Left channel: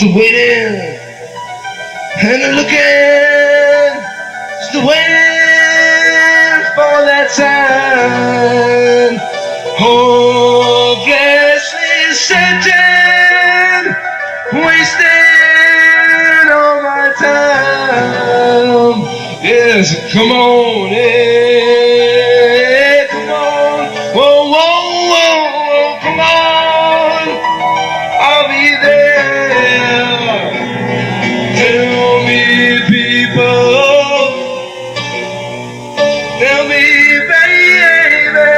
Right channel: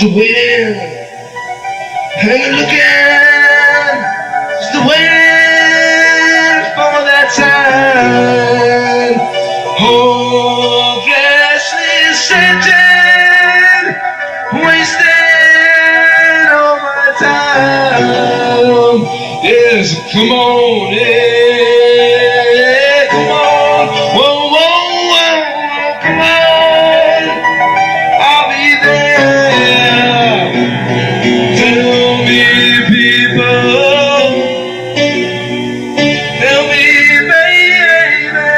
Just waiting and looking, just waiting for that time. Hopelessly searching, wasting all my time. Yes, come on, yeah, come on, whoa, whoa, whoa, whoa, come on, I'll be there. Tell me, people, tell me, baby,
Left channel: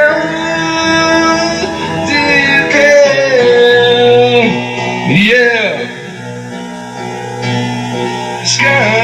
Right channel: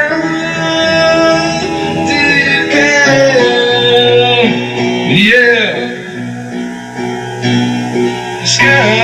do you care? Yeah. The sky